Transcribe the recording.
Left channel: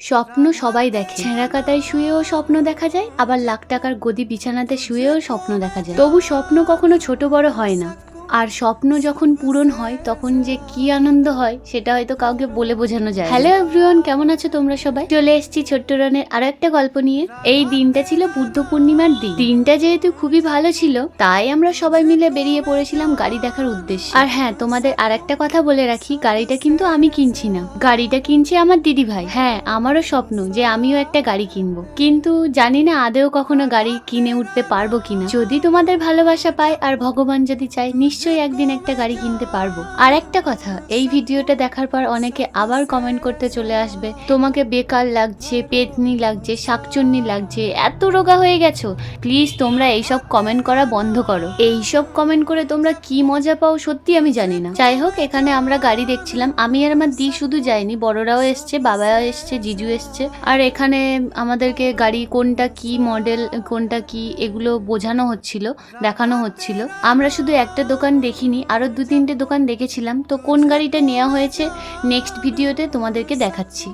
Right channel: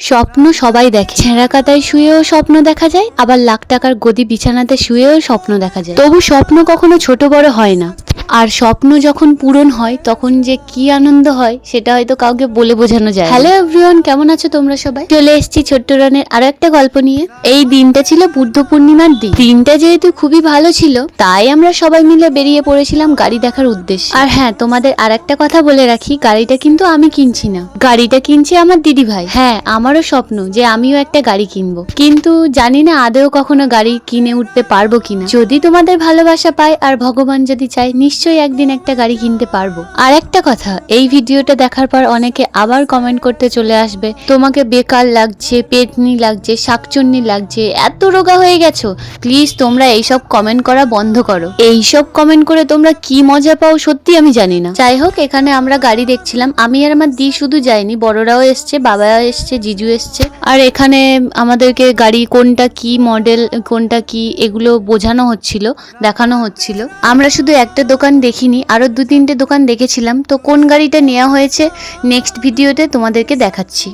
স্বপ্ন সবাই দেখে, ছেঁড়া কাতায় শুয়েও স্বপ্ন দেখা যায়, আবার লাখ টাকার গদি বিছানাতে শুয়েও স্বপ্ন দেখা যায়। তবু স্বপ্ন কখনো ছোট বড় হয় না, আর স্বপ্ন যখন পূরণ হয় তখন যে কি আনন্দ হয় সেটা হয়তো কাউকে বলে বোঝানো যায়। হ্যালো এভরিওয়ান, কেমন আছো তোমরা সবাই? চলে এসেছি ছোট্ট রানের আরো একটা গল্প নিয়ে। এই দিনটা ছিল বুদ্ধ পূর্ণিমার দিন। দিনটা যেহেতু খুবই ভালো ছিল, তাই আমরা সবাই মিলে বেরিয়ে পড়েছিলাম গাড়ি দেখার উদ্দেশ্যে। আর হ্যাঁ, তোমাদের আর একটা কথা বলে রাখি, গাড়িটা কিন্তু আমি কিনছি না, গাড়িটা কিনছে আমার দিদি ভাই। হ্যাঁ, আমারও স্বপ্ন যে আমিও একটা গাড়ি কিনবো, কিন্তু জানি না আদেও কখনো গাড়ি কিনে উঠতে পারবো কিনা। যদি তোমাদের ভালোবাসা পাই আর ভগবান যদি চায়, নিশ্চয়ই একদিন একটা গাড়ি কিনতে পারবো। আর একটা কথা, এই ভিডিওটা দেখার পর অনেকে আবার কমেন্ট করতে চলে আসবে, তোমাকে বেকার লাগছে, পেটনি লাগছে, শাকচুন্নি লাগছে, এত রোগা হয়ে গেছো। প্লিজ তোমরা এইসব কমেন্ট করা বন্ধ করো। এইসব কমেন্ট করে তোমরা কি মজা পাও সত্যি আমি জানি না। যাই হোক, এখানে আমরা গাড়ি দেখছিলাম। আমি আর আমার দি শুধু যাইনি, বড়রাও এসছে, বাবাও এসছে, জিজু এসছে। আর এখানে আমাদেরকে গাড়ি কোনটা কি মডেল, কোনটা কি, এগুলো বোঝানো হচ্ছিল, দেখানো হচ্ছিল। আমরা শুধু একটা দোকান দেখিনি, আরো 2-3টে দোকান দেখেছিলাম। তো কোন গাড়িটা নেওয়া হয়েছে নেক্সট ভিডিওতে তোমাদেরকে দেখাচ্ছি।